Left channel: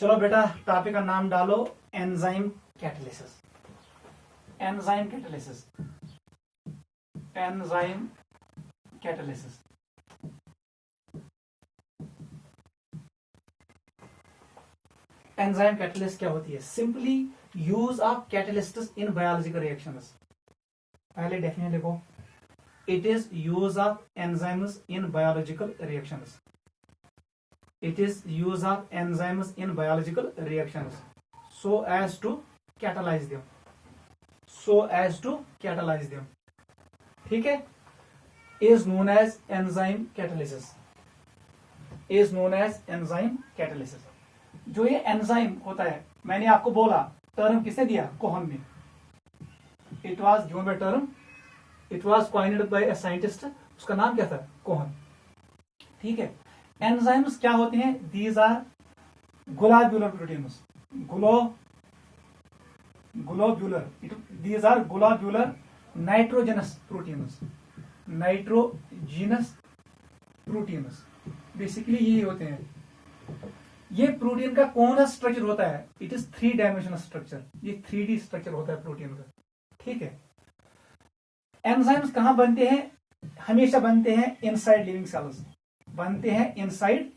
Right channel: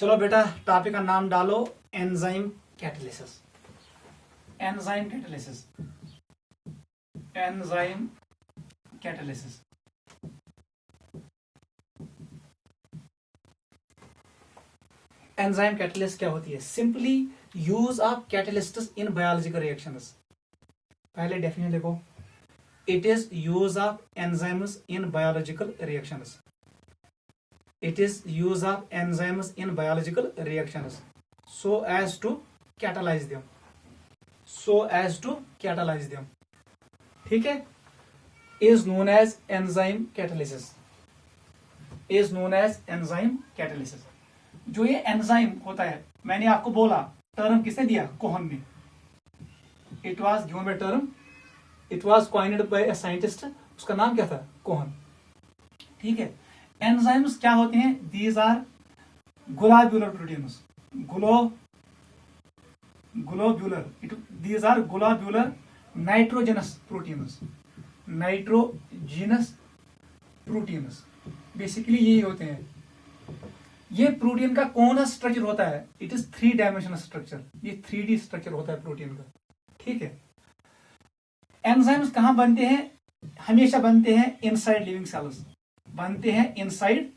चलो बेटा टॉपिक का नाम डालो enzyme catalysis. Enzyme catalysis, enzyme catalysis. Enzyme catalysis क्या होती है? Simply use of catalysts in biological reactions. पहले डेफिनेशन देखो, it is use of enzymes in biological reactions. It is use of enzymes in biological reactions so as to catalyze them, ठीक है? is known as enzyme catalysis, जो ये enzyme होता है, मैंने आपको बोला टर्म किसने दिया? कोहन ने। It was given by term, it was coined bye a scientist, उसका नाम क्या था? कोहन। ठीक है, एंजाइम्स क्या होते हैं? These are globular proteins, globular, these are globular nitrogenous proteins, basically यही होते हैं। ये प्रोटीन का कौन सा स्ट्रक्चर होता है? इट इज 3 डायमेंशनल स्ट्रक्चर, ये 3D स्ट्रक्चर होता है प्रोटीन का। ठीक है, एंजाइम्स कहां बनते हैं? हमेशा बनते हैं इनसाइड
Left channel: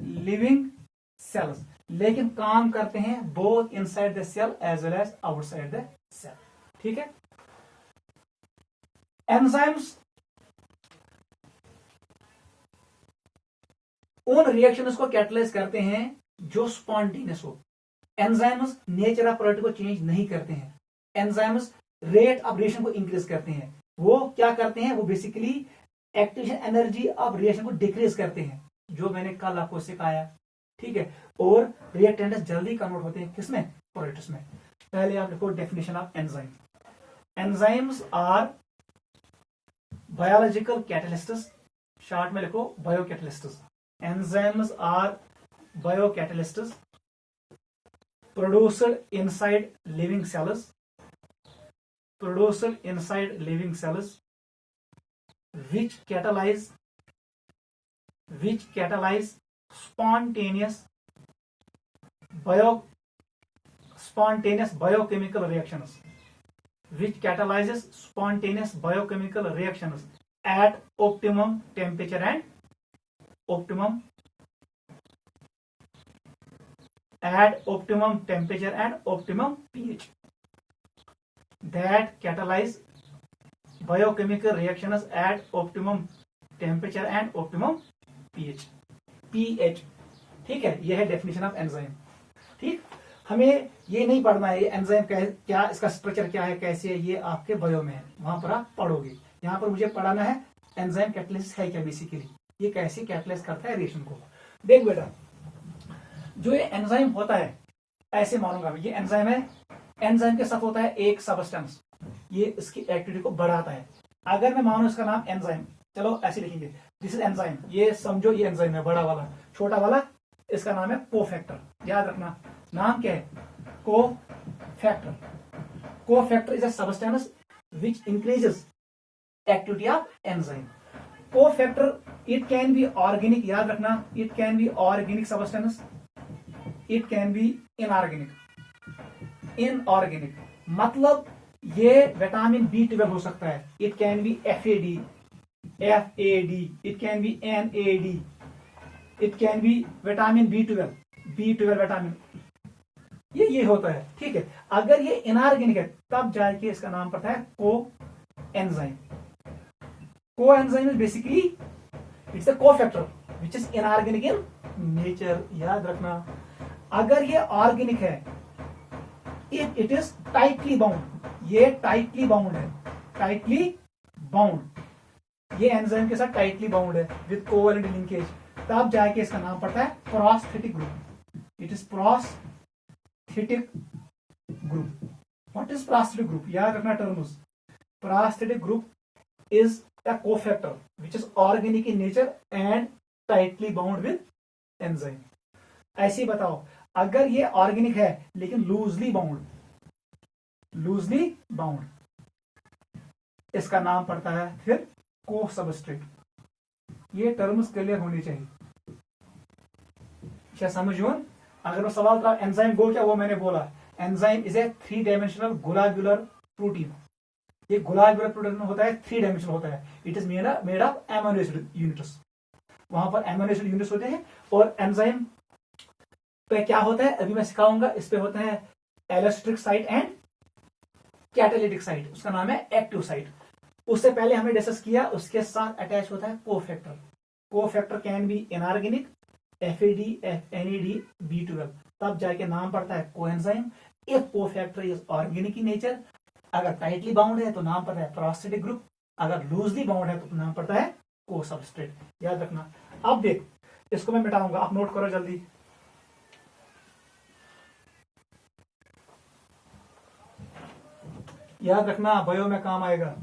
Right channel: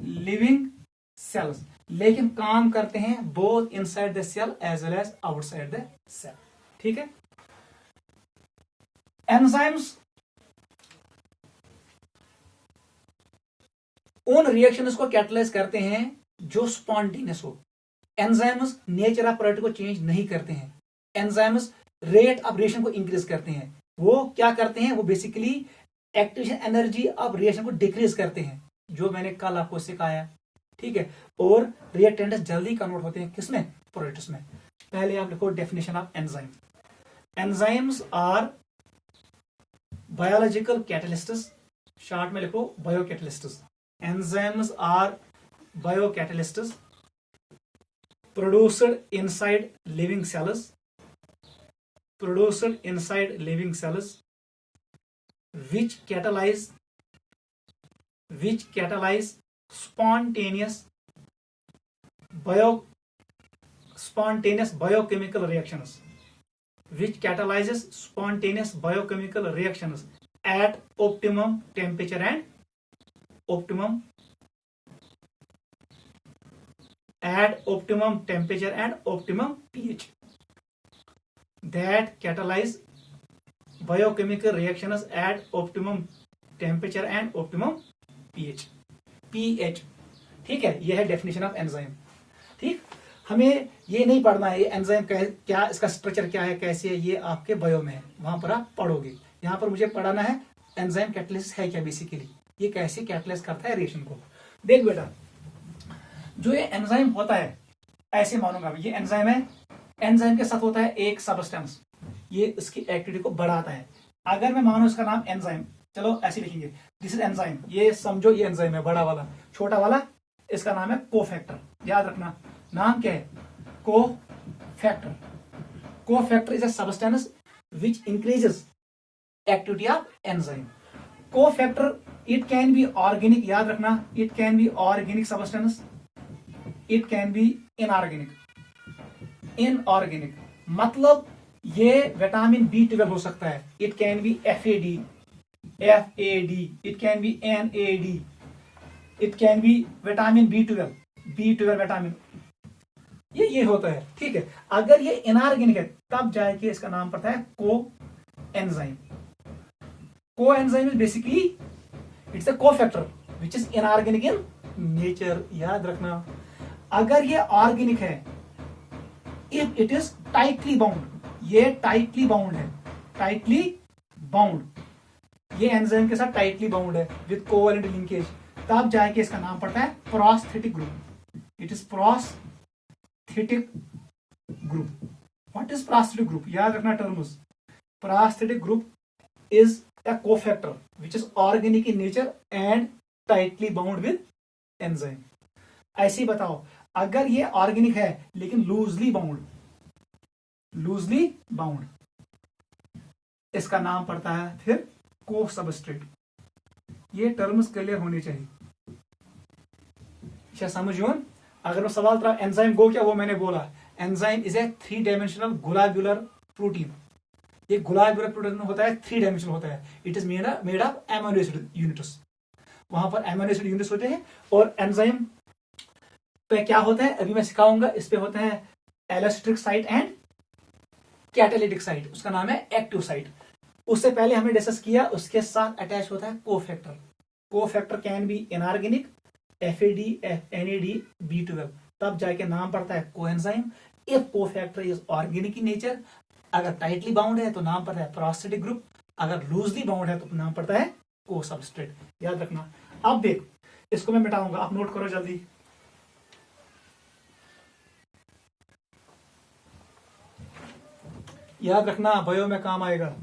लिविंग सेल्स, लेकिन काम करते हैं both inside the cell as well as outside the cell. ठीक है, एंजाइम्स उन रिएक्शंस को कैटलाइज करते हैं जो स्पॉन्टेनियस हो। एंजाइम्स नेचर ऑफ प्रोडक्ट को चेंज नहीं करते हैं। एंजाइम्स रेट ऑफ रिएक्शन को इंक्रीज करते हैं। वो क्या करते हैं? वो basically activation energy of reaction को डिक्रीज करते हैं, जो मैंने कल आपको सिखाया। ठीक है, और रिएक्टेंट्स जल्दी कन्वर्ट होते हैं किसमें? प्रोडक्ट्स में। पहले आप लिखो definition of enzyme. Enzymes are biological catalysts, short में लिखो biocatalysts. Enzymes are biocatalysts produced inside living cells, which catalyze spontaneous biochemical reactions, at optimum temperature and optimum pH, that catalyze biochemical reactions at optimum temperature and optimum pH। ठीक है, यह है definition of enzyme. ठीक, हमें ये नहीं पढ़ना है ये एंजाइम क्या, इसका स्ट्रक्चर क्या है, कैसे है, ये आपके बायो में है, वहां पर आप पढ़ोगे। यहाँ पर मुझे पढ़ाना है एंजाइम कैटलिस्ट है क्या, बेसिकली ये कैसे कैटलाइज करता है रिएक्शन को। देख बेटा, जो ये एंजाइम होता है, ऐसे मानूंगा ये एंजाइम है, एंजाइम के साथ होता है एक सबस्टेंस, ये इसकी एक्टिविटी को बढ़ाता है। अगर मैं मानूं इसका नाम एंजाइम, चलो ऐसे लिखेंगे, दिस इज एंजाइम, ये समझो ये एंजाइम है, बड़ा वाला। छोटा वाला इसका नाम है कोफैक्टर, याद रखना नाम क्या है? Cofactor is a substance which increases activity of enzyme. Cofactor it can B organic, याद रखना, it can B organic substance, it can B inorganic, मतलब ये विटामिन B12 हो सकता है, it can B FAD, it can B NAD, it can B vitamin B12 vitamin, ये होता है। ठीक है, अगर ये इनऑर्गेनिक है तब जाके इसका नाम पड़ता है coenzyme. Coenzyme is basically it's a cofactor which is inorganic in nature, याद रखना। अगर ये ऑर्गेनिक है, if it is tightly bound, ये टाइटली बाउंड है, ये एंजाइम के साथ टाइटली बाउंड है विद कोवैलेंट लिंकेज, तब जाके इसका नाम पड़ता है prosthetic group. It is prosthetic group. What is prosthetic group? याद रखना terms. Prosthetic group is a cofactor which is organic in nature and tightly bound with enzyme। ऐसे ही बताओ, अगर ये ऑर्गेनिक है लेकिन लूजली बाउंड, इसका नाम पड़ता है फिर को सबस्ट्रेट। ये टर्म्स क्लियर होनी चाहिए, क्या समझो? अगर मैं सवाल था एंजाइम गो क्या, वो मैंने बोला enzyme is a 3 dimensional globular protein. ये ग्लोब्यूलर प्रोटीन होता है, 3 डायमेंशनल होता है। It is made of amino acid units. वहां पर एमिनो एसिड यूनिट्स होते हैं। और एंजाइम पे क्या होता है अभी मैं सिखाऊंगा। इस पे होता है एलोस्टिक साइट एंड कैटालिटिक साइट। उसका नाम है एक्टिव साइट। उससे पहले हमने डिस्कस किया, उसके साथ अटैच होता है cofactor. Cofactor can be inorganic, FAD, NAD, B12, तब जाके नाम पड़ता है coenzyme. If cofactor is organic in nature, अगर टाइटली बाउंड है तो नाम पड़ता है प्रोस्टेटिक ग्रुप, अगर लूजली बाउंड है तो नाम पड़ता है को सबस्ट्रेट। याद रखना। अब देख, इसको मैं मिटाऊंगा, आप नोट करो जल्दी। याद रखना, बायो में काम आएगा।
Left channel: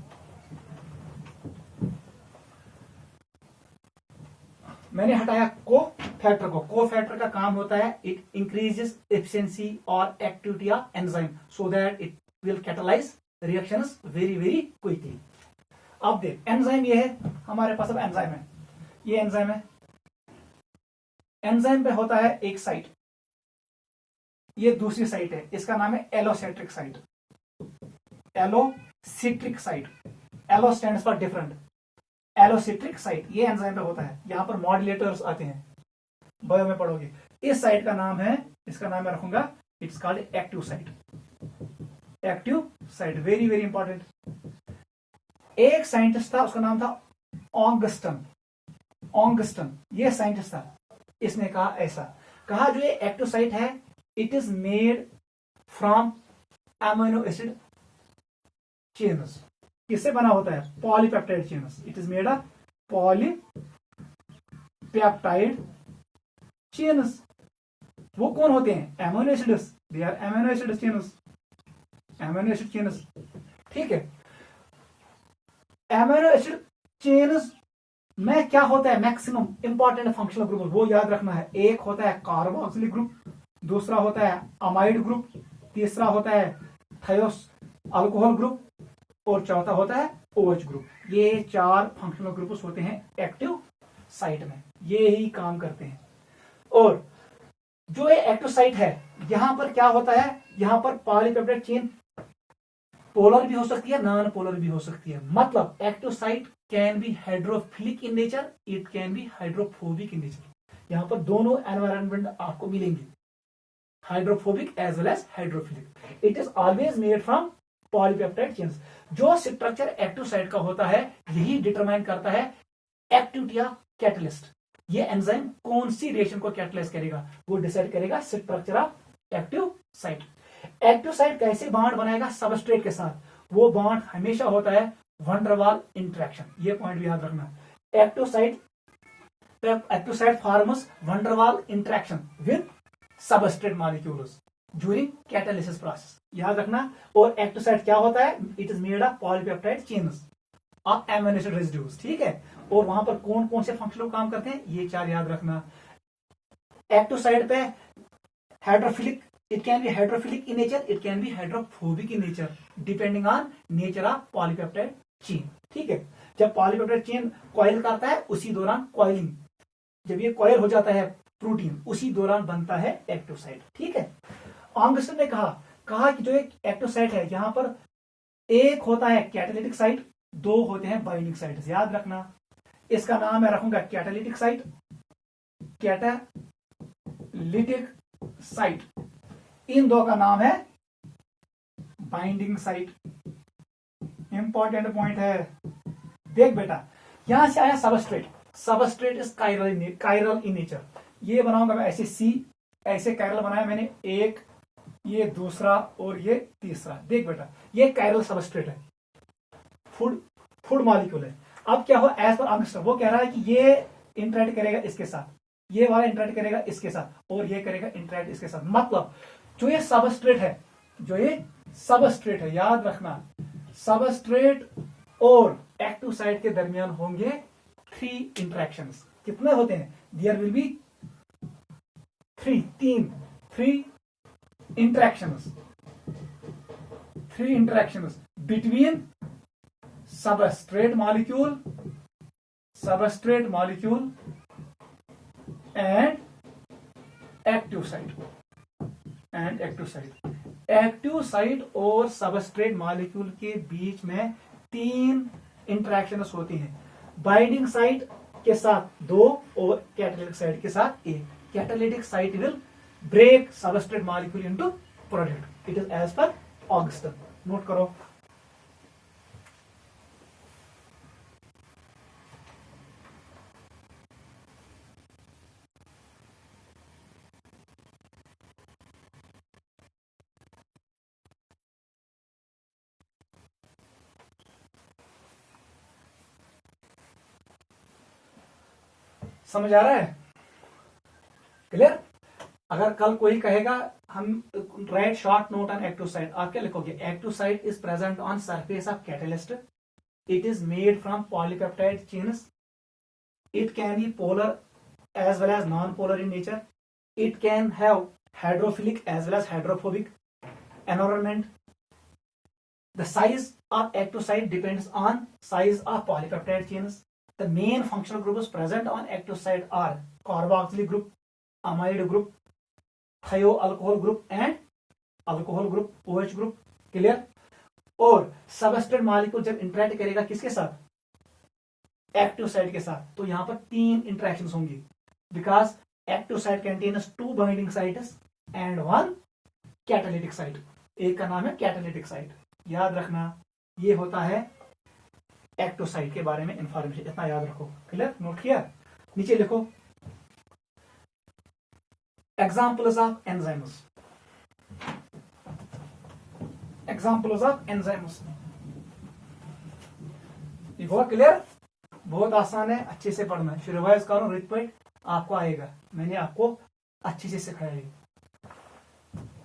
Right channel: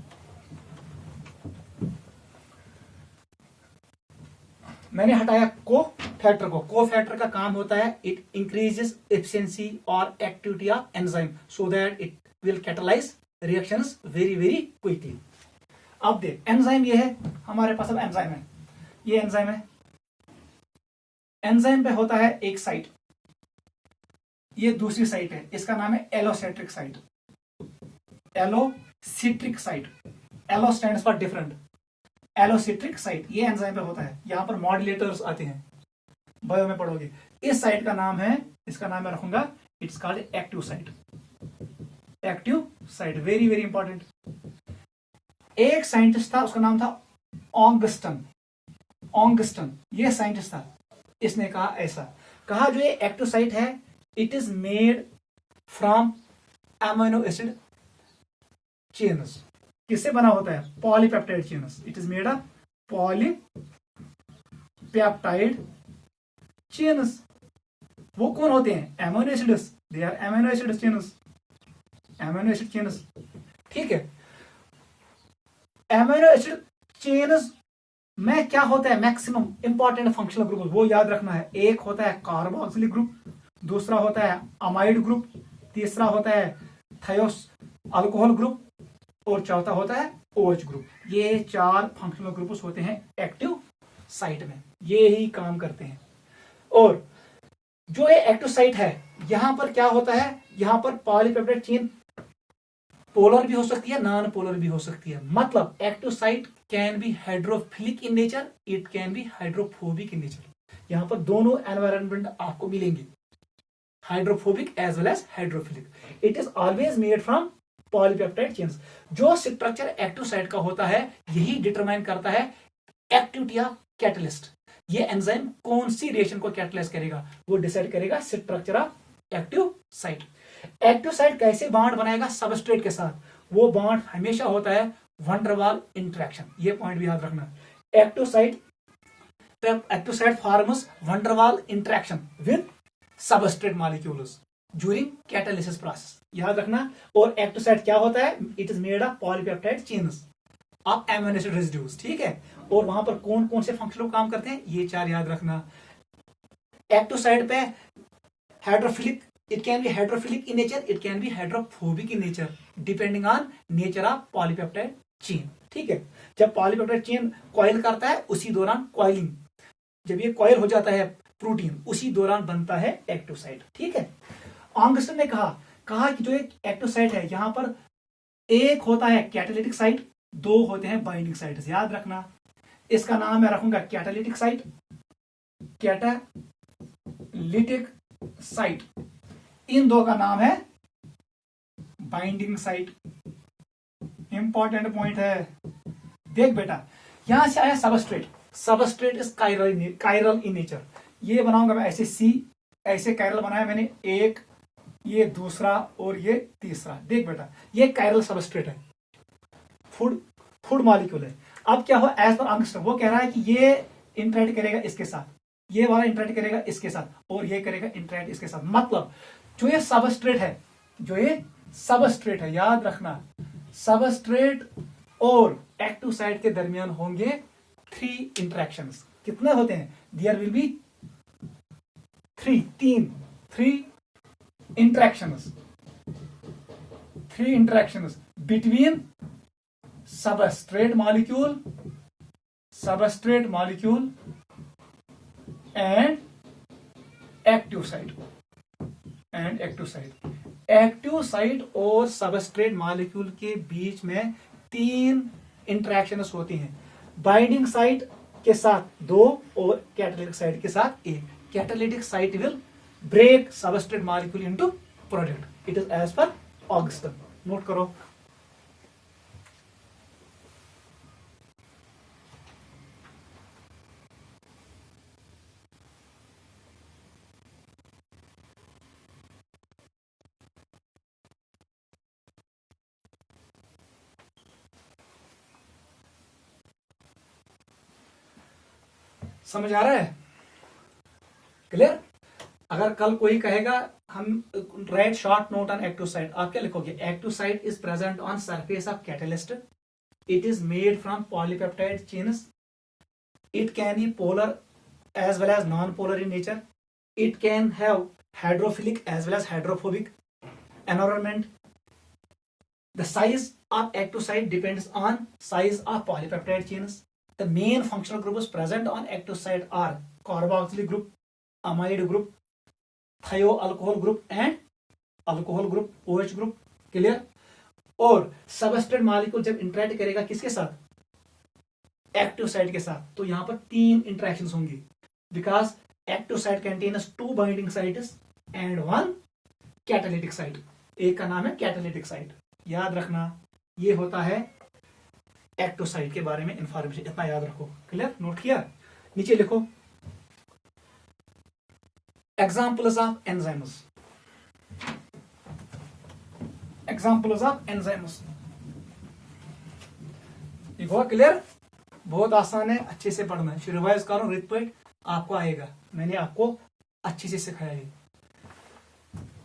मैंने हटाया को फैक्टर को। को फैक्टर का काम होता है इट इंक्रीजेस एफिशिएंसी और activity of enzyme so that it will catalyse reactions very very quickly. अब देख, एंजाइम ये है हमारे पास। अब एंजाइम है, ये एंजाइम है। एंजाइम पे होता है एक साइट, ये दूसरी साइट है, इसका नाम है allosteric site. Allosteric site, allo stands for different. Allosteric site ये एंजाइम पे होता है। यहां पर मॉड्यूलेटर्स आते हैं, बायो में पढ़ोगे। इस साइट का नाम है, इसका नाम मैं रखूंगा, it's called active site. Active site very very important. एक साइंटिस्ट था, उसका नाम था ऑगस्टन। ऑगस्टन ये साइंटिस्ट था। इसने कहा ऐसा, कहा जो ये एक्टिव साइट है it is made from amino acid chains. किससे बना होता है? Polypeptide chains. It is made of polypeptide chains. वो कौन होते हैं? Amino acids. They are amino acid chains, amino acid chains. ठीक है, अमीनो एसिड चेन्स में क्या होता है? मैक्सिमम इंपॉर्टेंट फंक्शनल ग्रुप वो याद रखना है। एक होता है कार्बोक्सिलिक ग्रुप, दूसरा होता है अमाइड ग्रुप, तीसरा होता है थायोस अल्कोहल ग्रुप, और चौथा होता है OH ग्रुप। ये 4 फंक्शनल ग्रुप्स होते हैं एक्टिव साइट में, ये ही काम करते हैं। और जो ये एक्टिव साइट है यहां पर क्या होता है? यहां पर पॉलीपेप्टाइड चेन पोलर भी हो सकती है, नॉन पोलर भी हो सकती है। मतलब active site can be hydrophilic in nature, it can be hydrophobic in nature. यहां पर दोनों एनवायरनमेंट आपको मिलेंगे, hydrophobic as well as hydrophilic. It is always made from polypeptide chains. जो स्ट्रक्चर एक्टिव साइट का होता है यही डिटरमाइन करता है एक्टिविटी ऑफ कैटलिस्ट। ये एंजाइम कौन सी रिएक्शन को कैटलाइज करेगा वो डिसाइड करेगा structure of active site. Active site कैसे बॉन्ड बनाएगा सबस्ट्रेट के साथ? वो बॉन्ड हमेशा होता है वंडरवाल इंटरेक्शन। ये पॉइंट भी याद रखना। Active site forms van der Waals interaction with substrate molecules during catalysis process. याद रखना। और एक्टिव साइट क्या होता है? It is made of polypeptide chains of amino acid residues. ठीक है, और वहां पर कौन कौन से फंक्शनल काम करते हैं ये 4 याद रखना। एक्टिव साइट पे hydrophilic, it can be hydrophilic in nature, it can be hydrophobic in nature depending on nature of polypeptide chain। ठीक है, जब पॉलीपेप्टाइड चेन कॉइल करता है उसी दौरान कॉइलिंग, जब ये कॉइल हो जाता है प्रोटीन उसी दौरान बनता है एक्टिव साइट। ठीक है, ऑगस्टिन ने कहा कि जो एक एक्टिव साइट है यहां पर एक होता है कैटालिटिक साइट, 2 होते हैं बाइंडिंग साइट। याद रखना, इसका नाम मैं रखूंगा कैटालिटिक साइट, कैटालिटिक साइट। इन 2 का नाम है बाइंडिंग साइट। इंपॉर्टेंट पॉइंट है। देख बेटा, यहां से आया substrate. Substrate is chiral in nature. ये बनाऊंगा मैं ऐसे सी, ऐसे कायरल बनाया मैंने, एक, ये दूसरा और ये तीसरा। देख बेटा, ये कायरल सबस्ट्रेट है, फूड मॉलिक्यूल है। अब क्या हो, एज पर ऑगस्टिन वो कह रहा है कि ये इंटरेक्ट करेगा इसके साथ, ये वाला इंटरेक्ट करेगा इसके साथ, और ये करेगा इंटरेक्ट इसके साथ। मतलब जो ये सबस्ट्रेट है, याद रखना, सबस्ट्रेट और एक्टिव साइट के दरमियान होंगे 3 इंटरेक्शंस। कितने होते हैं? There will be 3 interactions between substrate molecule and active site and active site. Active site और सबस्ट्रेट मॉलिक्यूल के बीच में 3 इंटरेक्शंस होती हैं। बाइंडिंग साइट के साथ 2 और कैटालिटिक साइट के साथ 1। Catalytic site will break substrate molecule into product. It is as per ऑगस्टन। नोट करो। समझ आ रहा है? क्लियर? अगर कल कोई कहेगा हम right short note on active site, आप क्या लिखोगे? Active site is present on surface of catalyst. It is made from polypeptide chains. It can B polar as well as non-polar in nature. It can have hydrophilic as well as hydrophobic environment. The size of active site depends on size of polypeptide chains. The main functional groups present on active site are carboxylic group, amide group, thioalcohol group and alcohol group, OH group. Clear? और substrate molecule जब interact करेगा किसके साथ? Active site के साथ, तो यहां पर 3 इंटरेक्शंस होंगी। Because active site contains 2 binding sites and 1 catalytic site. एक का नाम है कैटालिटिक साइट। याद रखना, ये होता है एक्टिव साइट के बारे में इंफॉर्मेशन, इतना याद रखो। क्लियर? नोट किया? नीचे लिखो examples of enzymes. Examples of enzymes. ये हुआ क्लियर? बहुत आसान है, अच्छे से पढ़ना है। रिवाइज करो रिट पे, आपको आएगा। मैंने आपको अच्छे से सिखाया है।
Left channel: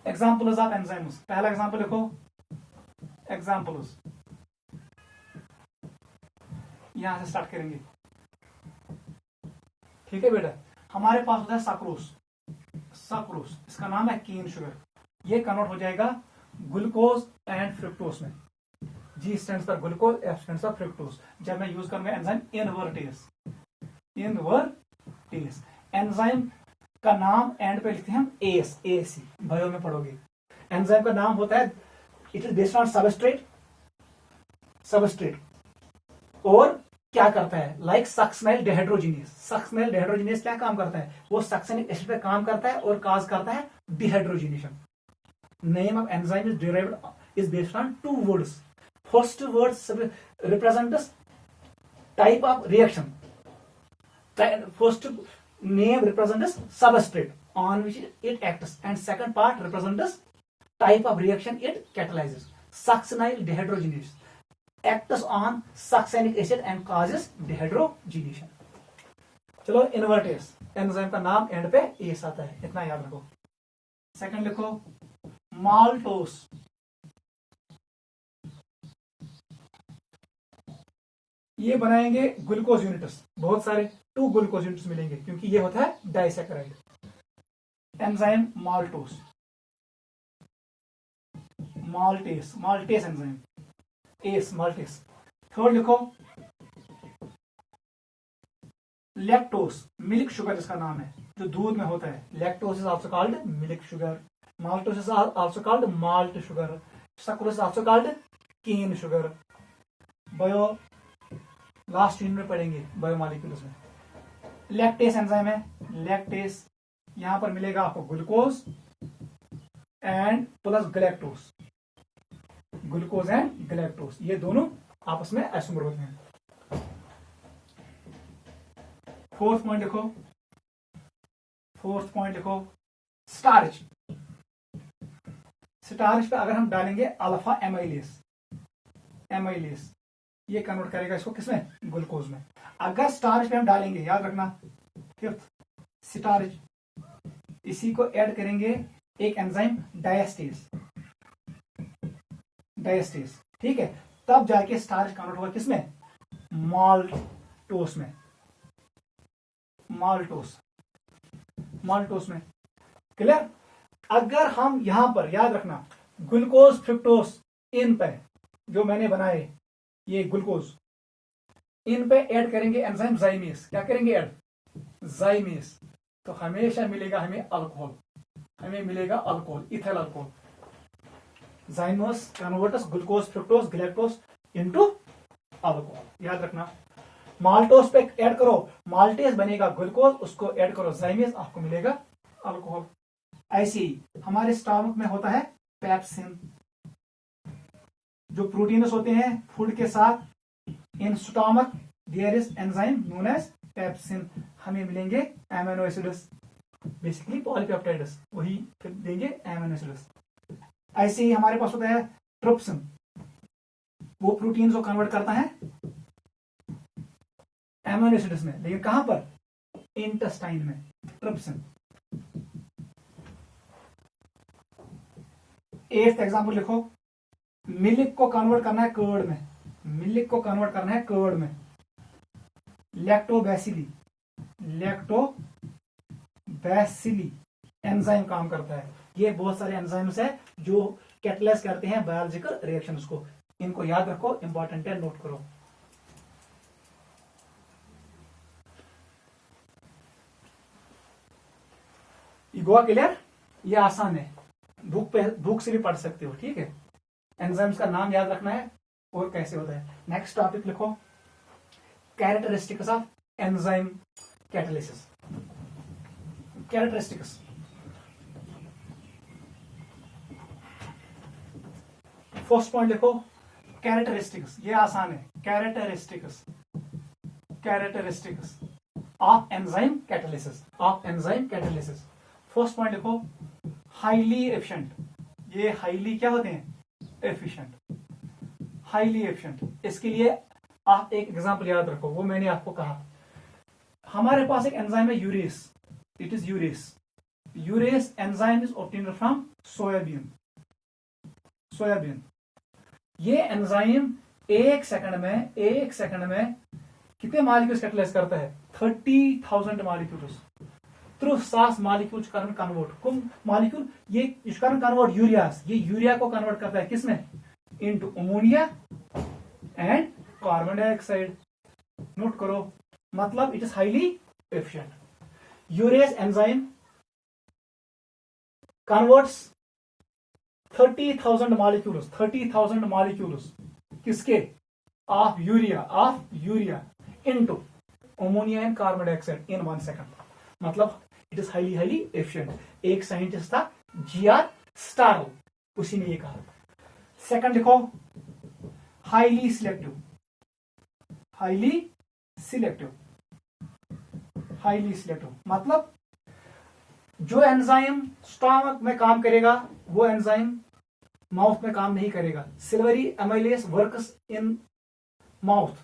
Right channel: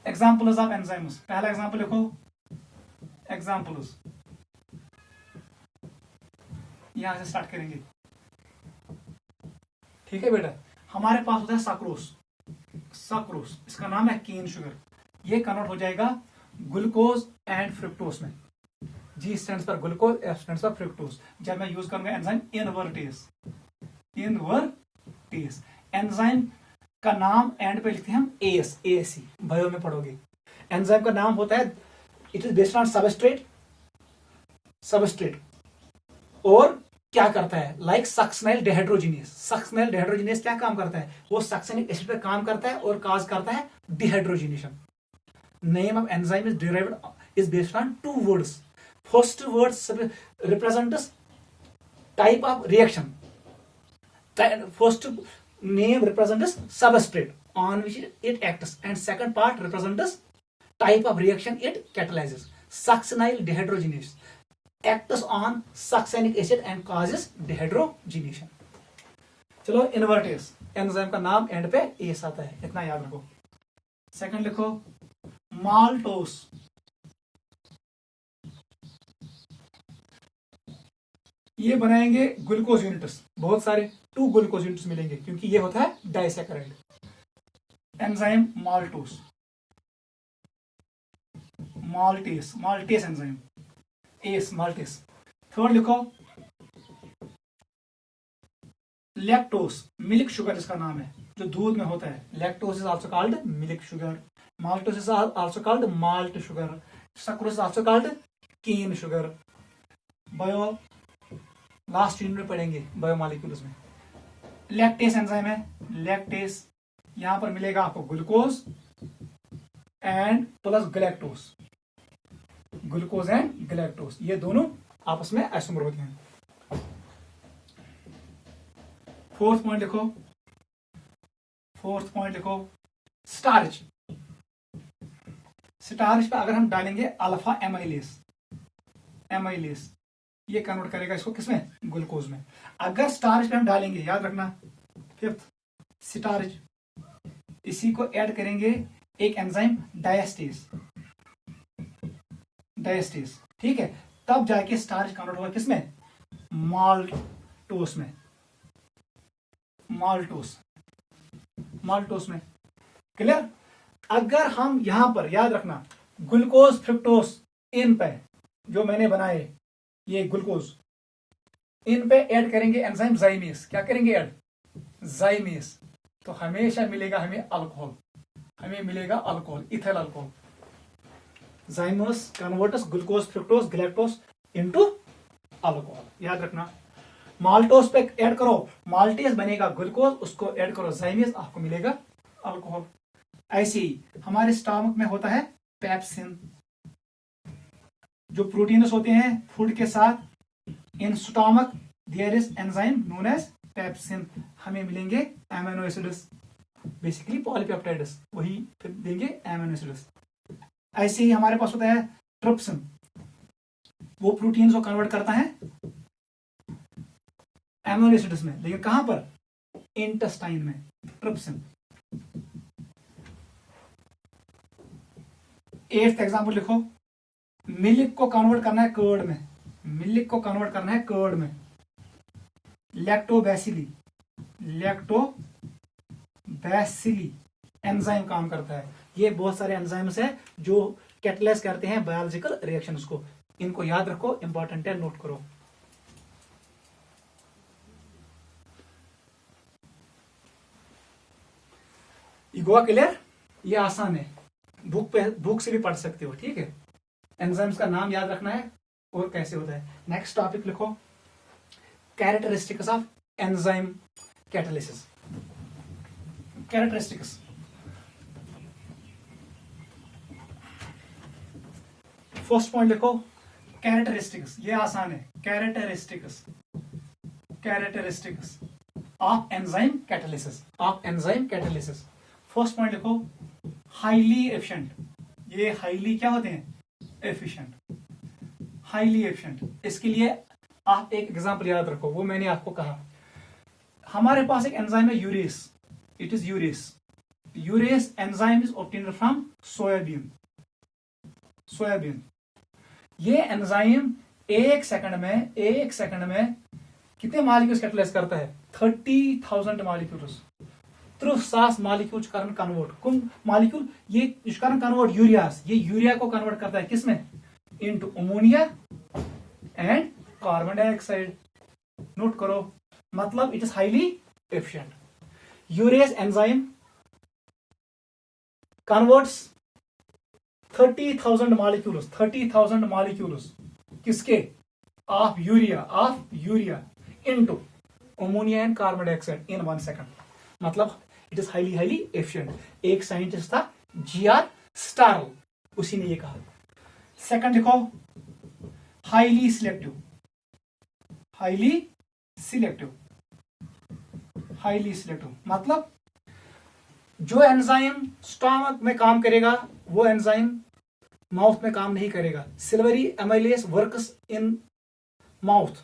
Examples of enzymes. पहला एग्जाम्पल लिखो, एग्जाम्पल्स। यहां से स्टार्ट करेंगे। ठीक है बेटा? हमारे पास होता है सक्रोस। सक्रोस, इसका नाम है केन शुगर। ये कन्वर्ट हो जाएगा ग्लूकोज एंड फ्रुक्टोज में। G स्टैंड्स पर ग्लूकोज, F स्टैंड्स पर फ्रुक्टोज। जब मैं यूज करूंगा एंजाइम इनवर्टेज। इनवर्टेज एंजाइम का नाम एंड पे लिखते हैं हम ASC, बायो में पढ़ोगे। एंजाइम का नाम होता है, it is based on substrate. Substrate और क्या करता है? Like succinyl dehydrogenase. Succinyl dehydrogenase क्या काम करता है? वो सक्सेनिक एसिड पे काम करता है और काज करता है dehydrogenation. Name of enzyme is derived is based on 2 words. First word represents type of reaction. First name represents substrate on which it acts, and second part represents type of reaction it catalyzes. Succinyl dehydrogenase acts on succinic acid and causes dehydrogenation. चलो invertase enzyme का नाम and पे S आता है, इतना याद रखो। Second लिखो माल्टोस। ये बनाएंगे ग्लूकोज यूनिट्स, बहुत सारे 2 ग्लूकोज यूनिट्स मिलेंगे क्योंकि ये होता है disaccharide. Enzyme maltose, maltase, maltase enzyme, ase maltase. Third लिखो लैक्टोस, मिल्क शुगर इसका नाम है, जो दूध में होता है। Lactose is also called milk sugar. Maltose is also called malt sugar. Sucrose is also called cane sugar. Bio last unit में पढ़ेंगे बायोमॉलिक्यूल्स में। लैक्टेस एंजाइम है, लैक्टेस। यहां पर मिलेगा आपको glucose and plus galactose. Glucose and galactose ये दोनों आपस में आइसोमर होते हैं। फोर्थ पॉइंट लिखो, फोर्थ पॉइंट लिखो स्टार्च। स्टार्च पे अगर हम डालेंगे अल्फा एमाइलेस, एमाइलेस ये कन्वर्ट करेगा इसको किसमें? ग्लूकोज में। अगर स्टार्च पे हम डालेंगे, याद रखना, फिफ्थ स्टार्च, इसी को ऐड करेंगे एक एंजाइम डायस्टेज, डायस्टेज। ठीक है? तब जाके स्टार्च कन्वर्ट होगा किसमें? माल्टोस में, माल्टोस, माल्टोस में। क्लियर? अगर हम यहां पर याद रखना ग्लूकोज फ्रुक्टोस इन पे जो मैंने बनाए ये ग्लूकोज, इन पे ऐड करेंगे एंजाइम जाइमेस। क्या करेंगे ऐड? जाइमेस। तो हमेशा मिलेगा हमें अल्कोहल, हमें मिलेगा alcohol, ethyl alcohol. Zymase converts glucose fructose galactose into alcohol, याद रखना। माल्टोस पे ऐड करो, माल्टेज बनेगा ग्लूकोज, उसको ऐड करो जाइमेज, आपको मिलेगा अल्कोहल। ऐसे ही हमारे स्टमक में होता है पेप्सिन, जो प्रोटीन्स होते हैं फूड के साथ, in stomach there is enzyme known as pepsin, हमें मिलेंगे एमिनो एसिड्स, बेसिकली पॉलीपेप्टाइड्स, वही फिर देंगे एमिनो एसिड्स। ऐसे ही हमारे पास होता है ट्रिप्सिन, वो प्रोटीन को कन्वर्ट करता है एमिनो एसिड्स में, लेकिन कहां पर, इंटेस्टाइन में, ट्रिप्सिन। 8th एग्जाम्पल लिखो, मिल्क को कन्वर्ट करना है कर्ड में, मिल्क को कन्वर्ट करना है कर्ड में, लैक्टोबैसिली, लैक्टोबैसिली एंजाइम काम करता है। ये बहुत सारे एंजाइम्स है जो कैटलाइज करते हैं बायोलॉजिकल रिएक्शंस को, इनको याद रखो, इंपॉर्टेंट है, नोट करो। गोवा क्लियर, ये आसान है, बुक से भी पढ़ सकते हो, ठीक है। एंजाइम्स का नाम याद रखना है और कैसे होता है। नेक्स्ट टॉपिक लिखो, characteristics of enzyme catalysis. Characteristics, first point लिखो कैरेक्टरिस्टिक्स, ये आसान है, characteristics, characteristics of enzyme catalysis, of enzyme catalysis. First point लिखो हाईली एफिशिएंट, ये हाईली क्या होते हैं, एफिशिएंट, हाईली एफिशिएंट। इसके लिए आप एक एग्जांपल याद रखो, वो मैंने आपको कहा, हमारे पास एक एंजाइम है urease, it is urease, urease enzyme is obtained from soybean, soybean. ये एंजाइम एक सेकंड में कितने मॉलिक्यूल्स कैटलाइज करता है, 30,000 मॉलिक्यूल्स, 30,000 मॉलिक्यूल्स कन्वर्ट, कौन मॉलिक्यूल, ये कन्वर्ट यूरियास, ये यूरिया को कन्वर्ट करता है किसमें, into ammonia and carbon dioxide. Note करो, मतलब it is highly efficient. Urease enzyme converts 30,000 molecules, 30,000 molecules किसके, of urea into ammonia and carbon dioxide in 1 second, मतलब इट इज हाईली एफिशिएंट। एक साइंटिस्ट था जीआर स्टारल, उसी ने ये कहा। सेकंड लिखो highly selective, highly selective, highly selective, मतलब जो एंजाइम स्टमक में काम करेगा वो एंजाइम माउथ में काम नहीं करेगा। Salivary amylase works in mouth,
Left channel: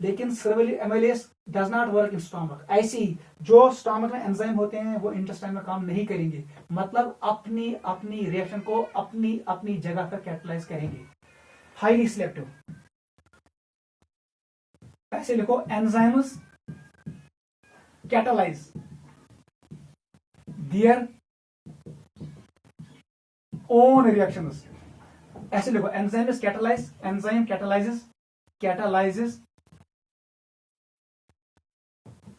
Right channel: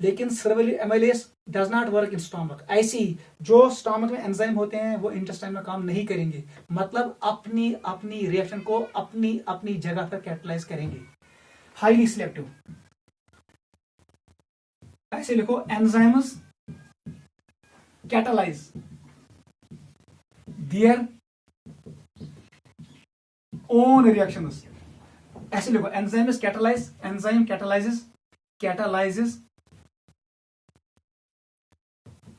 लेकिन salivary amylase does not work in stomach. ऐसे ही जो स्टमक में एंजाइम होते हैं वो इंटेस्टाइन में काम नहीं करेंगे, मतलब अपनी अपनी रिएक्शन को अपनी अपनी जगह पर कैटलाइज करेंगे। हाईली सिलेक्टिव, ऐसे लिखो enzymes catalyse their own reactions, ऐसे लिखो enzymes catalyse, enzyme catalyses, catalyses,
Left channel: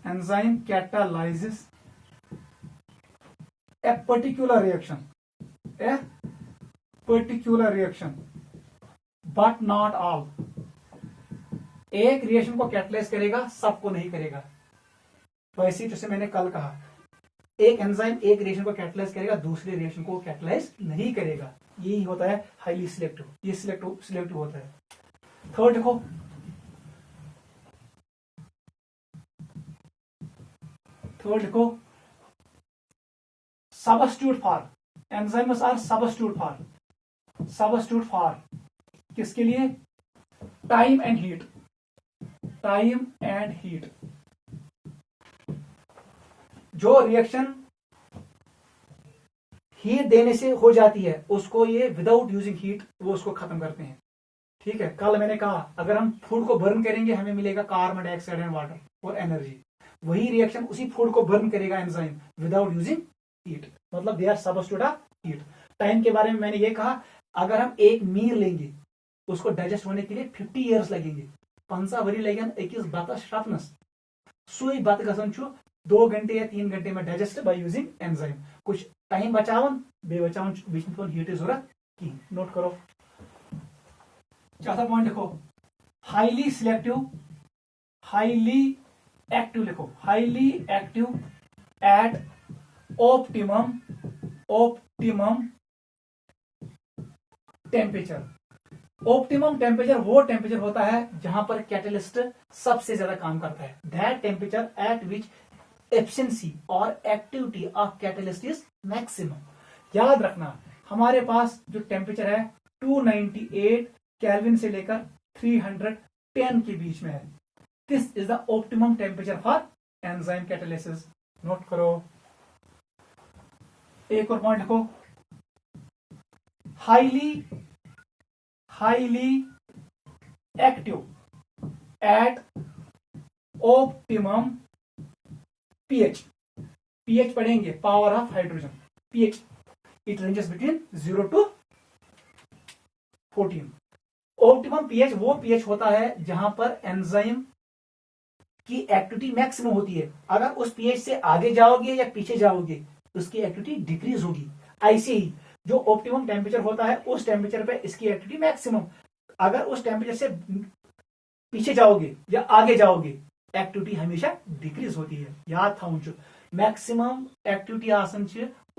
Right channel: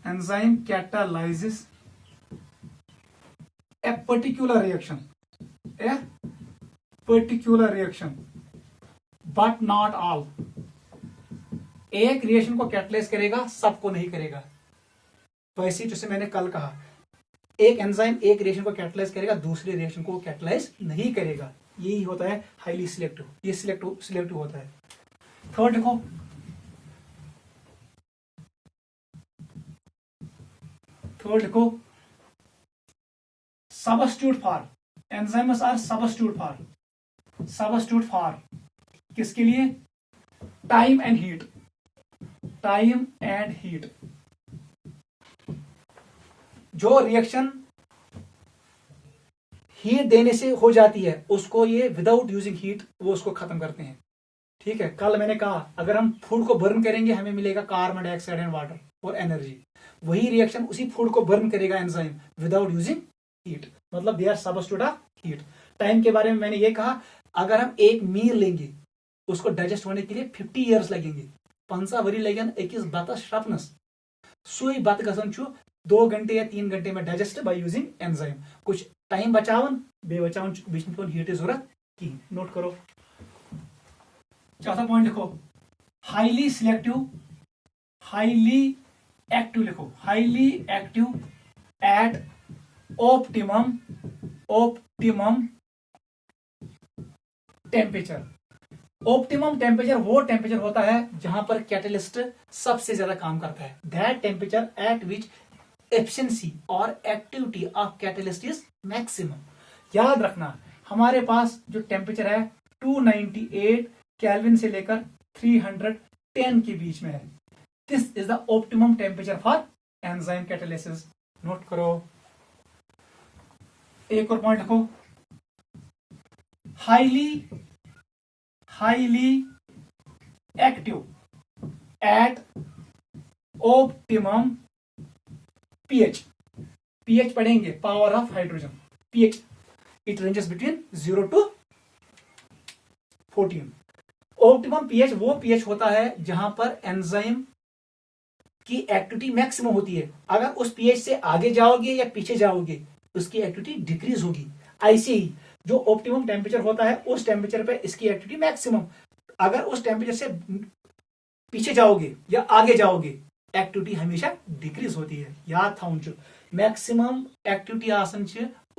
enzyme catalyzes a particular reaction, but not all। एक रिएक्शन को कैटलाइज करेगा, सबको नहीं करेगा। वैसे जैसे मैंने कल कहा, एक एंजाइम एक रिएक्शन को कैटलाइज करेगा, दूसरी रिएक्शन को कैटलाइज नहीं करेगा, यही होता है हाईली सिलेक्टिव, ये सिलेक्टिव होता है। थर्ड देखो, substitute for, enzymes are substitute for किसके लिए, time and heat, time and heat. जो रिएक्शन हीट देने से हो जाती है उसको ये विदाउट यूजिंग हीट वो उसको खत्म करते हैं, ठीक है। कल मैंने कहा अगर हम फूड को बर्न करेंगे हमें मिलेगा कार्बन डाइऑक्साइड एंड वाटर और एनर्जी, वही रिएक्शन उसी फूड को बर्न करेगा एंजाइम विदाउट यूजिंग हीट, मतलब they are substitute of heat. Time के बारे में मैंने ये कहा, अगर हम एक मील लेंगे उसको डाइजेस्ट होने के लिए 50 ईयर्स लगेंगे, 5 वरी लगन अकिस बतस शपनस, सुई बत गसन छु 2 घंटे या 3 घंटे में डाइजेस्ट बाय यूजिंग एंजाइम। कुछ टाइम बचावन बे बचावन बीच में हीट जरूरत की। नोट करो। चौथा पॉइंट लिखो, हाईली सिलेक्टिव, हाईली एक्टिव लिखो, highly active at optimum temperature. Optimum temperature वो टेम्परेचर होता है जहां पर कैटलिस्ट सबसे ज्यादा काम करता है। That temperature at which efficiency और activity of catalyst is maximum. याद रखना हमारे पास जो टेम्परेचर है 298 केल्विन से लेकर 310 के बीच में है। This is the optimum temperature for enzyme catalysis. Note करो। एक और पॉइंट लिखो, highly active at optimum pH. PH पढ़ेंगे, power of hydrogen. PH it ranges between 0 to 14। Optimum pH वो पीएच होता है जहां पर एंजाइम की एक्टिविटी मैक्सिमम होती है। अगर उस पीएच से आगे जाओगे या पीछे जाओगे उसकी एक्टिविटी डिक्रीज होगी। ऐसे ही जो ऑप्टिमम टेम्परेचर होता है उस टेम्परेचर पे इसकी एक्टिविटी मैक्सिमम। अगर उस टेम्परेचर से पीछे जाओगे या आगे जाओगे एक्टिविटी हमेशा डिक्रीज होती है। याद था मैक्सिमम एक्टिविटी आसन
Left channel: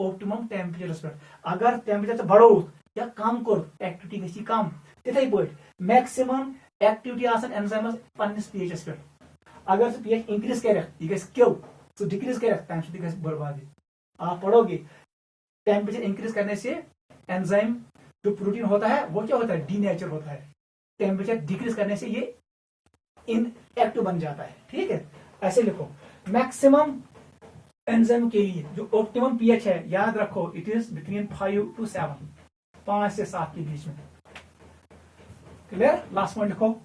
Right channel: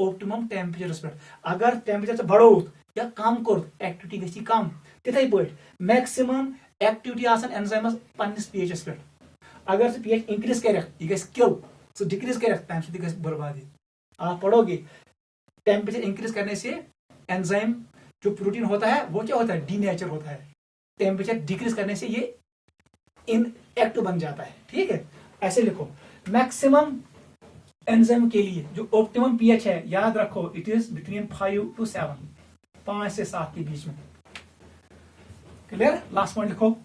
ऑप्टिमम टेम्परेचर पे। अगर टेम्परेचर से बढ़ो या कम कर एक्टिविटी गई कम। तिथे पे मैक्सिमम एक्टिविटी आसन एंजाइमस पन्निस पीएचएस पे। अगर पीएच इंक्रीज कर यह किल, सो डिक्रीज कर तम बर्बादी। आप पढ़ोगे टेम्परेचर इंक्रीज करने से एंजाइम जो प्रोटीन होता है वो क्या होता है, डीनेचर होता है। टेम्परेचर डिक्रीज करने से ये इनएक्टिव बन जाता है। ठीक है, ऐसे लिखो। मैक्सिमम एंजाइम के लिए जो ऑप्टिमम पीएच है याद रखो, इट इज बिटवीन 5 to 7, 5 से 7 के बीच में। क्लियर। लास्ट पॉइंट लिखो,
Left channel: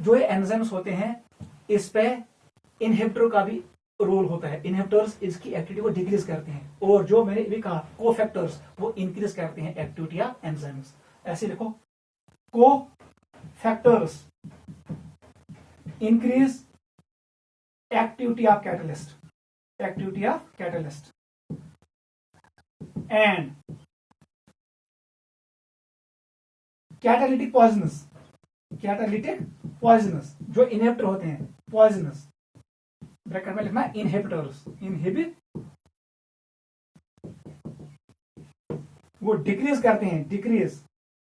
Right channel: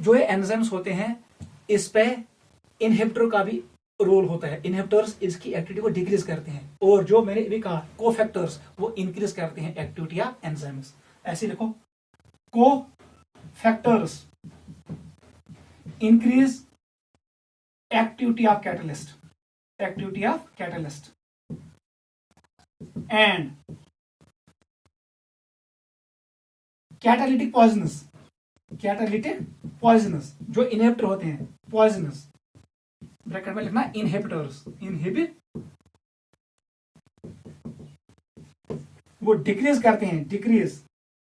जो ये एंजाइम्स होते हैं इस पे इनहिबिटर का भी रोल होता है। इनहिबिटर्स इसकी एक्टिविटी को डिक्रीज करते हैं और जो मैंने भी कहा कोफैक्टर्स वो इंक्रीज करते हैं एक्टिविटी ऑफ एंजाइम्स। ऐसे लिखो, cofactors increase activity of catalyst, activity of catalyst and catalytic poisonous, catalytic poisonous जो इनहिबिटर होते हैं पॉइजनस, ब्रैकेट में लिखना इनहिबिटर्स, इनहिबिट वो डिक्रीज करते हैं, decrease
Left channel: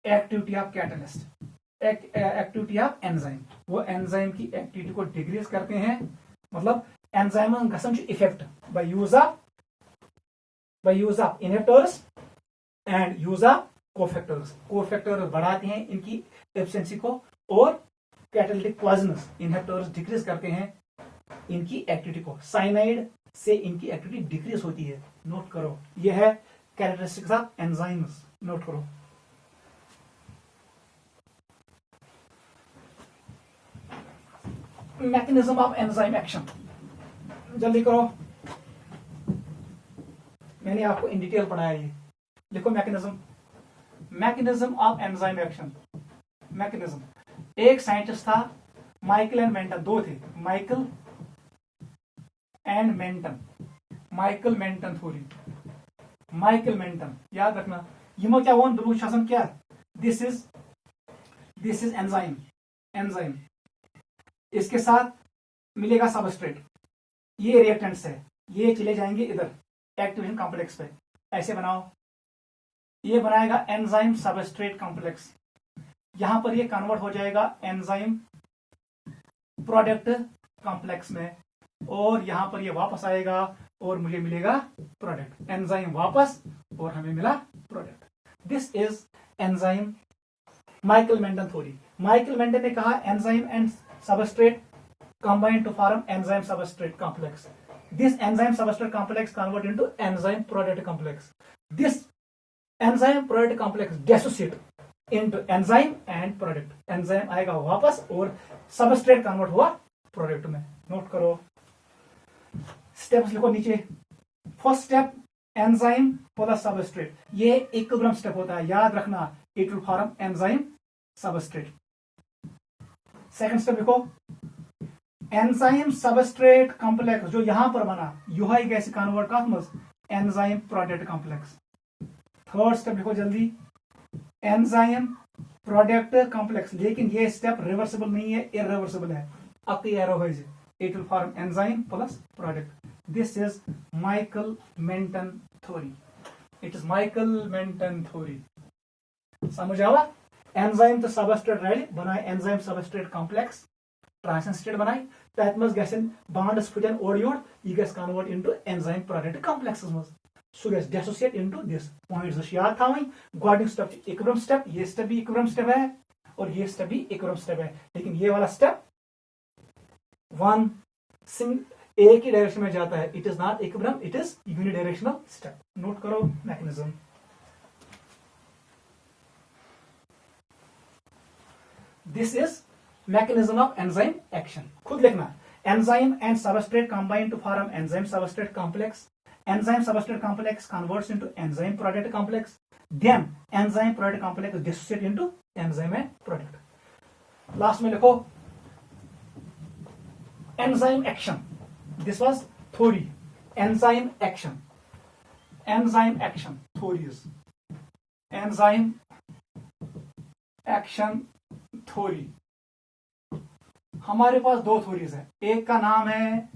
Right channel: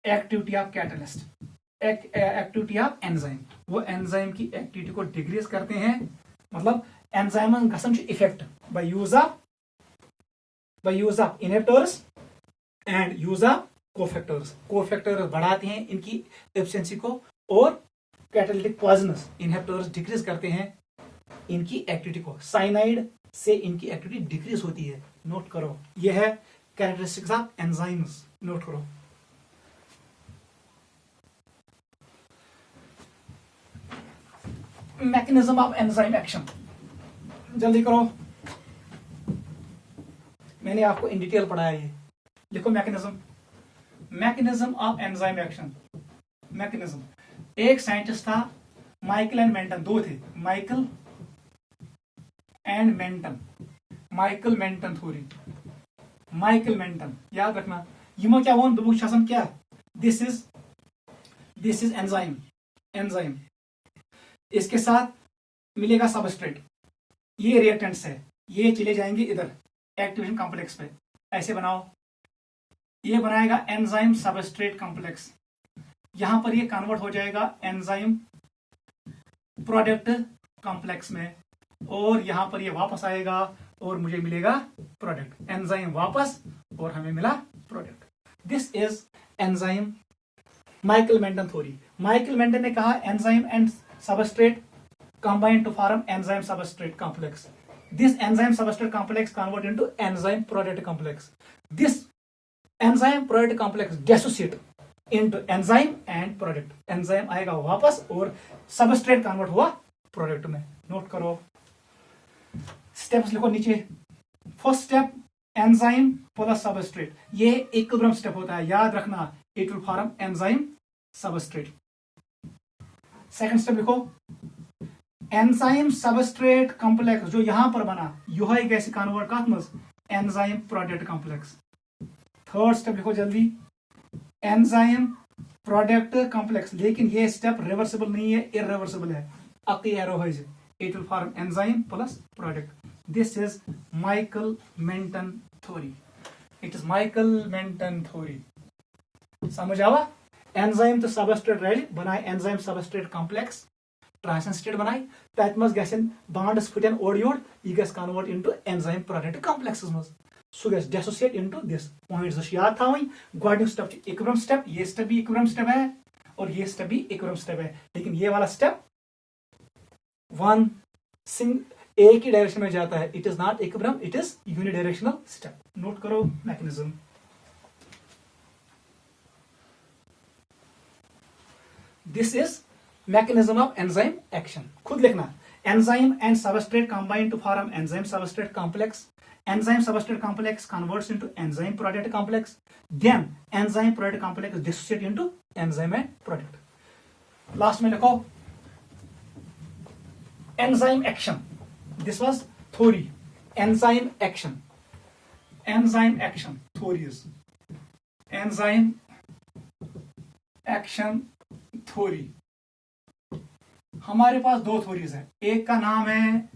activity of catalyst, activity of enzyme. वो एंजाइम की एक्टिविटी को डिक्रीज करते हैं। मतलब एंजाइम गसन effect by use of inhibitors and use of cofactors. Cofactors बढ़ाते हैं इनकी एफिशिएंसी को और कैटालिटिक पॉइजनस इनहिबिटर्स डिक्रीज करते हैं इनकी एक्टिविटी को। साइनाइड से इनकी एक्टिविटी डिक्रीज होती है। नोट करो, यह है कैरेक्टरिस्टिक्स ऑफ एंजाइम्स। नोट करो। मैकेनिज्म ऑफ एंजाइम एक्शन, जल्दी करो, मैंने आपको इन डिटेल पढ़ाया। ये लिखो mechanism, mechanism of enzyme action. Mechanism, एक साइंटिस्ट था माइकल एंड मेंटन, दो थे, Michael and Menten, Michael Menten theory, Michael Menten. याद रखना यमो क्या वोन दोनों शासन क्या, दिस इज एंजाइम, एंजाइम इसके साथ मिलेगा सबस्ट्रेट, ये रिएक्टेंट्स है, ये चले जाएंगे इधर एक्टिवेशन कॉम्प्लेक्स पे। ऐसे बनाओ, ये बनाएगा एंजाइम सबस्ट्रेट कॉम्प्लेक्स। यहां पर ये कन्वर्ट हो जाएगा एंजाइम प्रोडक्ट कॉम्प्लेक्स में और यहां पर ये वापस आएगा और मुझे मिलेगा प्रोडक्ट। एंजाइम वापस और हमें मिला product. This is enzyme Michael Menten theory. Michael Menten ने कहा enzyme and substrate combine to form enzyme substrate complex. This enzyme substrate complex convert into enzyme product complex. This enzyme product complex dissociate into enzyme and product. enzyme आएगा वापस और substrate convert हुआ product में। Note करो, steps लिखो नीचे। First step enzyme plus substrate, ये equilibrium step होता है, याद रखना। It will form enzyme substrate. Second step लिखो, एंजाइम सबस्ट्रेट कॉम्प्लेक्स जो यहां पर बना यह गैस कन्वर्ट कत मज enzyme product complex. Third step लिखो जल्दी, एंजाइम प्रोडक्ट कॉम्प्लेक्स, लेकिन ये स्टेप रिवर्सिबल नहीं है, इरिवर्सिबल है। अक एरो हो, it will form enzyme plus product. This is Michaelis Menten theory, it is Michaelis Menten theory. समझ आवा? एंजाइम तो सबस्ट्रेट रल बनाए enzyme substrate complex, transition state बनाए, तत मज गसन बॉन्ड्स फुटन ओर योर, यह गस convert into enzyme product complex मज, सो गस डिसोसिएट इनटू दिस। पॉइंट्स याद थी, गोडनिक स्टेप इक्विलिब्रियम स्टेप, ये स्टेप भी इक्विलिब्रियम स्टेप है और ये स्टेप भी इक्विलिब्रियम स्टेप है, लेकिन ये वाला स्टेप वन एक ही डायरेक्शन में जाता है, it is not equilibrium, it is unidirectional step. Note करो mechanism. This is mechanism of enzyme action, खुद लिखना, enzyme and substrate combine to form enzyme substrate complex, enzyme substrate complex converts into enzyme product complex, then enzyme product complex dissociate into enzyme and product। Last में लिखो enzyme action, this was theory, enzyme action, enzyme action theories, enzyme action theory। हमारे पास दो theories है, एक का नाम है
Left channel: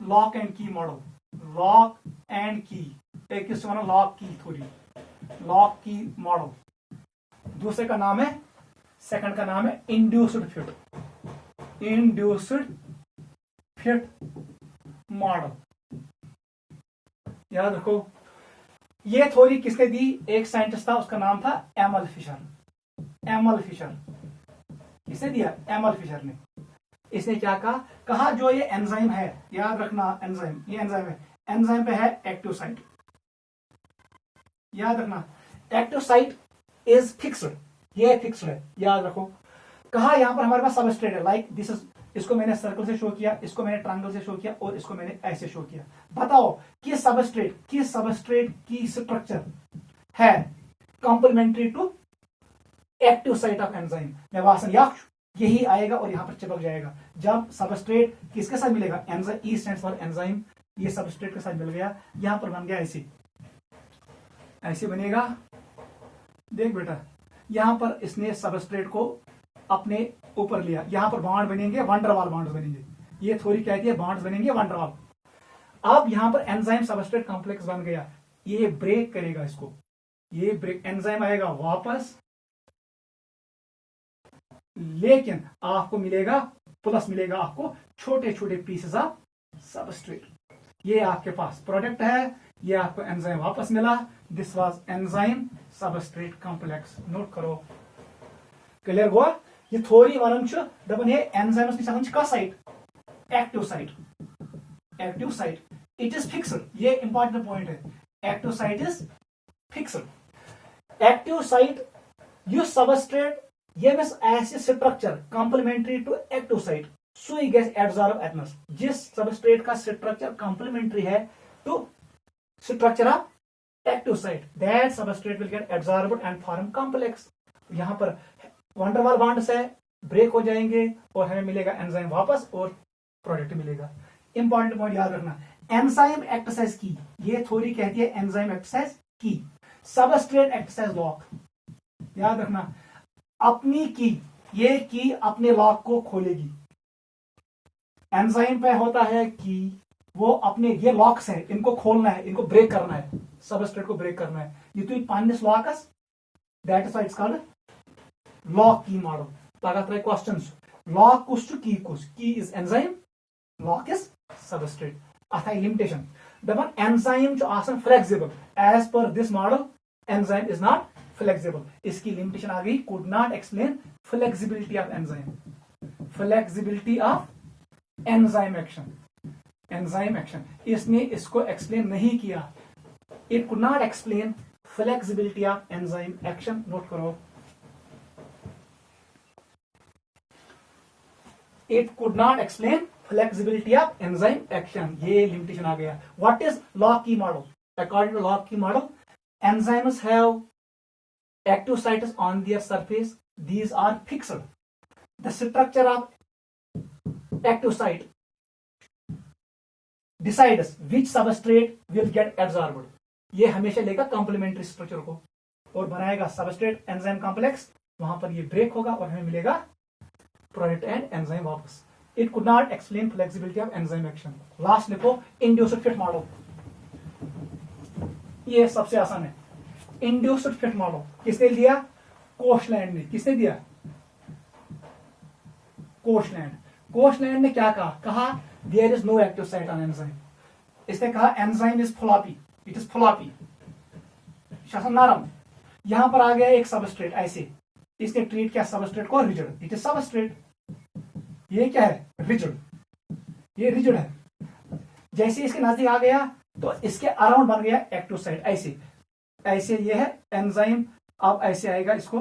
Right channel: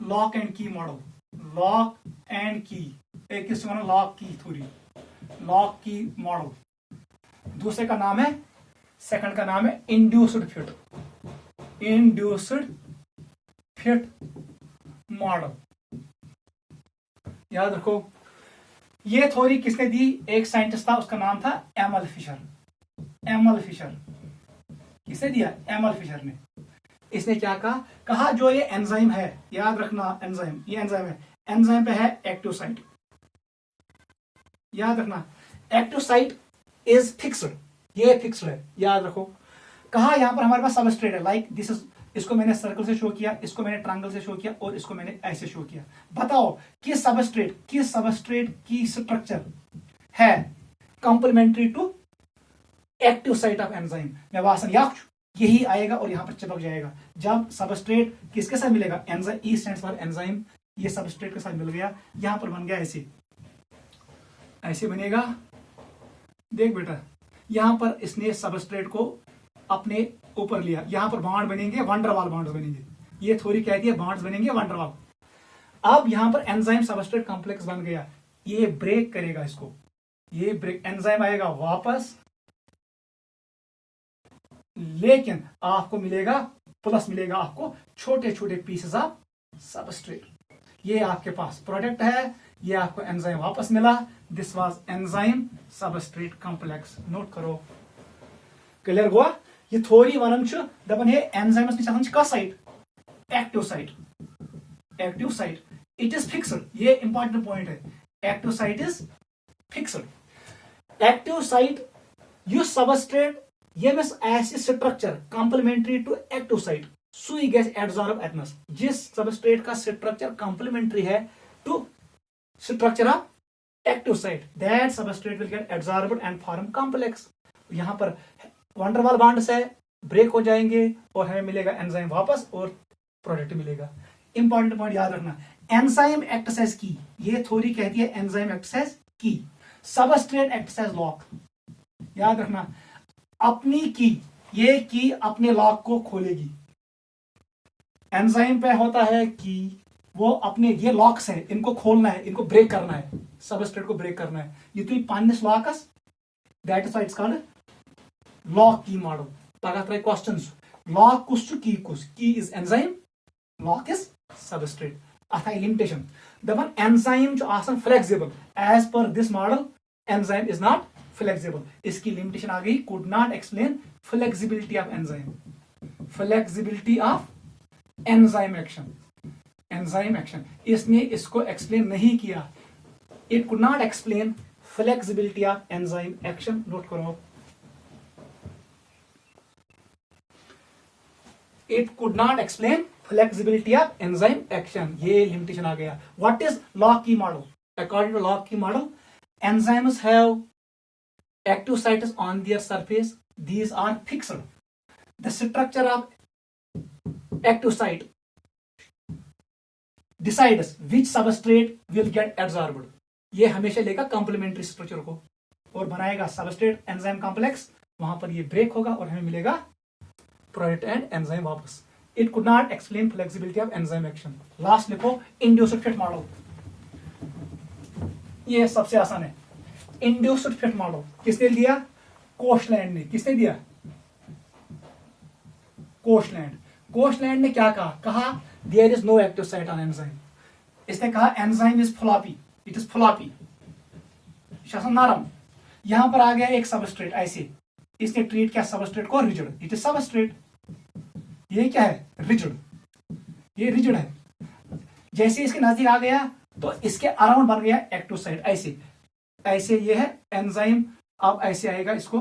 lock and की मॉडल, लॉक एंड की, एक किसको ना लॉक की थ्योरी, लॉक की मॉडल। दूसरे का नाम है, सेकंड का नाम है induced fit, induced fit model. याद रखो, ये थ्योरी किसने दी? एक साइंटिस्ट था, उसका नाम था एमल फिशर। एमल फिशर किसने दिया? एमल फिशर ने। इसने क्या कहा जो ये एंजाइम है, याद रखना एंजाइम, ये एंजाइम है, एंजाइम पे है एक्टिव साइट, याद रखना एक्टिव साइट इज फिक्स्ड, ये फिक्स्ड है, याद रखो। कहा यहां पर हमारे पास सबस्ट्रेट है, लाइक दिस इज, इसको मैंने सर्कल से शो किया, इसको मैंने ट्रायंगल से शो किया और इसको मैंने ऐसे शो किया। बताओ कि सबस्ट्रेट की स्ट्रक्चर है complementary to active site of enzyme. मैं वासन यही आएगा और यहां पर चिपक जाएगा। जब सबस्ट्रेट किसके साथ मिलेगा? Enzyme, E stands for enzyme, ये सबस्ट्रेट के साथ मिल गया, यहां पर बन गया ऐसे, ऐसे बनेगा। देख बेटा, यहां पर इसने सबस्ट्रेट को अपने ऊपर लिया, यहां पर बॉन्ड बनेंगे, वंडरवाल बॉन्ड बनेंगे। ये थ्योरी कहती है बॉन्ड्स बनेंगे वंडरवाल। अब यहां पर एंजाइम सबस्ट्रेट कॉम्प्लेक्स बन गया, ये ब्रेक करेगा इसको, ये ब्रेक, एंजाइम आएगा वापस, लेकिन आपको मिलेगा प्लस, मिलेगा आपको छोटे छोटे पीसेस ऑफ सबस्ट्रेट। ये आपके पास प्रोडक्ट है, ये आपको एंजाइम वापस मिला। This was enzyme substrate complex. Note करो, क्लियर हुआ? ये थ्योरी वनन दपन है एंजाइमस निश आसान कह site? Active site, active site it is fixed. ये इंपॉर्टेंट पॉइंट है, active site is fixed. Active site युस सबस्ट्रेट यमिस आसि structure complementary to active site, सुई गैस एब्जॉर्ब एटमस। जिस सबस्ट्रेट का स्ट्रक्चर कंप्लीमेंट्री है to structure of active site, that substrate will get absorbed and form complex. यहां पर वंडरवाल बॉन्ड्स है, ब्रेक हो जाएंगे और हमें मिलेगा एंजाइम वापस और प्रोडक्ट मिलेगा। इंपॉर्टेंट पॉइंट याद रखना, एंजाइम एक्ट्स एज की, ये थ्योरी कहती है एंजाइम एक्ट्स एज की, सबस्ट्रेट एक्ट्स एज लॉक। याद रखना, अपनी की, ये की अपने लॉक को खोलेगी। एंजाइम पे होता है की, वो अपने, ये लॉक्स है, इनको खोलना है, इनको ब्रेक करना है, सबस्ट्रेट को ब्रेक करना है। ये तो पानिस लॉकस, that is why it's called lock key model. पगह त्राय क्वेश्चंस, लॉक कुछ की कुछ, key is enzyme, lock is substrate. अथ लिमिटेशन दपन एंजाइम आसान flexible, as per this model enzyme is not flexible. इसकी लिमिटेशन आ गई, could not explain flexibility of enzyme, flexibility of enzyme action, enzyme action इसने इसको explain नहीं किया। It could not explain flexibility of enzyme action. Note करो, it could not explain flexibility of enzyme action, ये limitation आ गया। What is lock key model? According to lock key model, enzymes have active sites on their surface, these are fixed, the structure of active site decides which substrate will get absorbed. ये हमेशा लेगा complementary structure को और बनाएगा substrate enzyme complex, वहां पर ये break होगा और हमें मिलेगा प्रोडक्ट एंड एंजाइम वापस। It could not explain flexibility of enzyme action. Last लिखो इंड्यूस्ड फिट मॉडल, ये सबसे आसान है। इंड्यूस्ड फिट मॉडल किसने दिया? कोशलैंड ने। किसने दिया? कोशलैंड। कोशलैंड ने क्या कहा? कहा there is no active site on enzyme. इसने कहा enzyme is floppy, it is floppy, नरम। यहां पर आ गया एक सबस्ट्रेट ऐसे, इसने ट्रीट किया सबस्ट्रेट को रिजिड, इट इज सबस्ट्रेट। ये क्या है? रिजिड, ये रिजिड है। जैसे इसके नजदीक आ गया तो इसके अराउंड बन गया एक्टिव साइट ऐसे, ऐसे ये है एंजाइम, अब ऐसे आएगा इसको,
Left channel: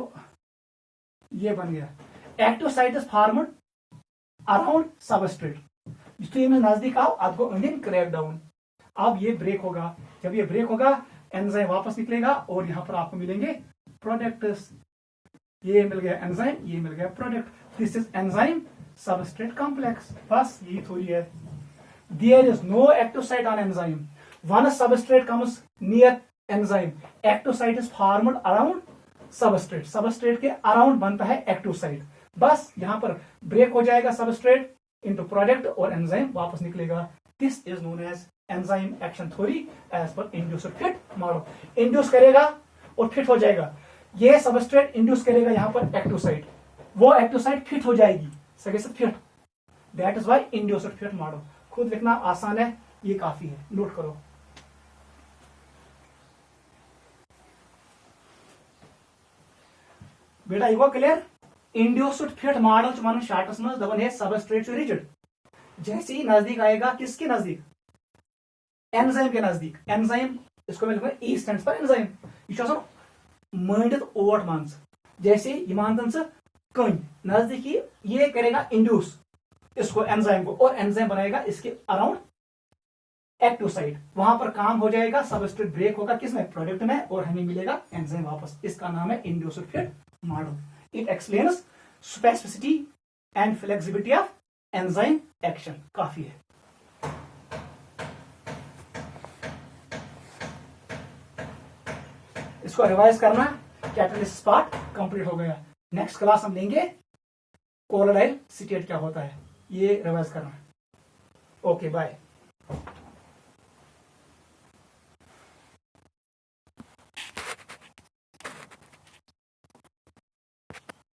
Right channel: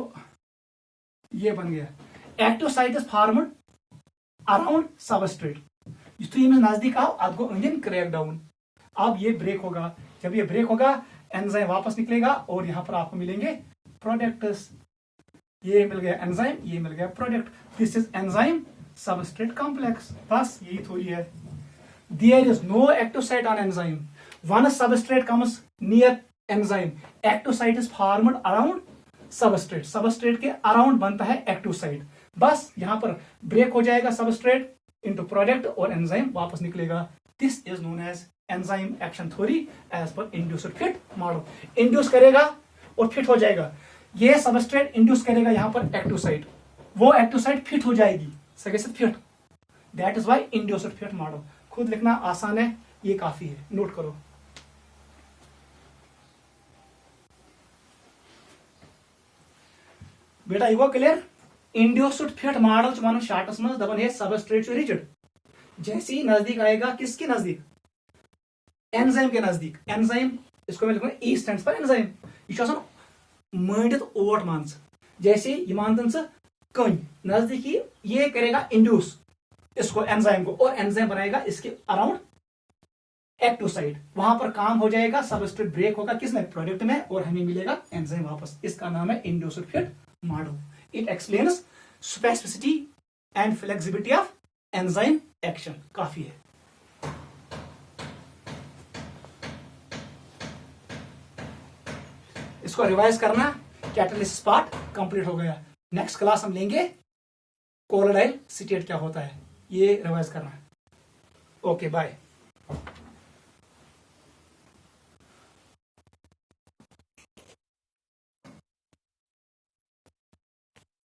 ये बन गया active site is formed around substrate. तो ये नजदीक आओ, आपको अंदर क्रैक डाउन, अब ये ब्रेक होगा। जब ये ब्रेक होगा एंजाइम वापस निकलेगा और यहां पर आपको मिलेंगे प्रोडक्ट्स। ये मिल गया एंजाइम, ये मिल गया product. This is enzyme substrate complex. बस यही थोड़ी है। There is no active site on enzyme. Once substrate comes near enzyme, active site is formed around substrate. Substrate के around बनता है active site. बस यहां पर ब्रेक हो जाएगा substrate into product और enzyme वापस निकलेगा। This is known as enzyme action theory as per induced fit model. Induce करेगा और fit हो जाएगा। ये substrate induce करेगा यहां पर active site, वो active site fit हो जाएगी, सके से fit. That is why induced fit model। खुद लिखना आसान है, ये काफी है, नोट करो। बेटा ये clear? Induced fit model one shorts में दबन है सबस्ट्रेट रिजिड। जैसे ही नजदीक आएगा, किसके नजदीक? एंजाइम के नजदीक। एंजाइम इसको मैं लिखूंगा ई स्टैंड्स फॉर एंजाइम। यह मंडित ओट मान, जैसे ये मान से कन नजदीकी, ये करेगा इंड्यूस इसको एंजाइम को, और एंजाइम बनाएगा इसके अराउंड एक्टिव साइट। वहां पर काम हो जाएगा, सबस्ट्रेट ब्रेक होगा किसमें? प्रोडक्ट में, और हमें मिलेगा एंजाइम वापस। इसका नाम है induced fit model. It explains specificity and flexibility of enzyme action. काफी है। इसको रिवाइज करना, कैटालिसिस पार्ट कंप्लीट हो गया। नेक्स्ट क्लास हम लेंगे कोलोडाइल सीटेट क्या होता है, ये रिवाइज करना। Okay bye.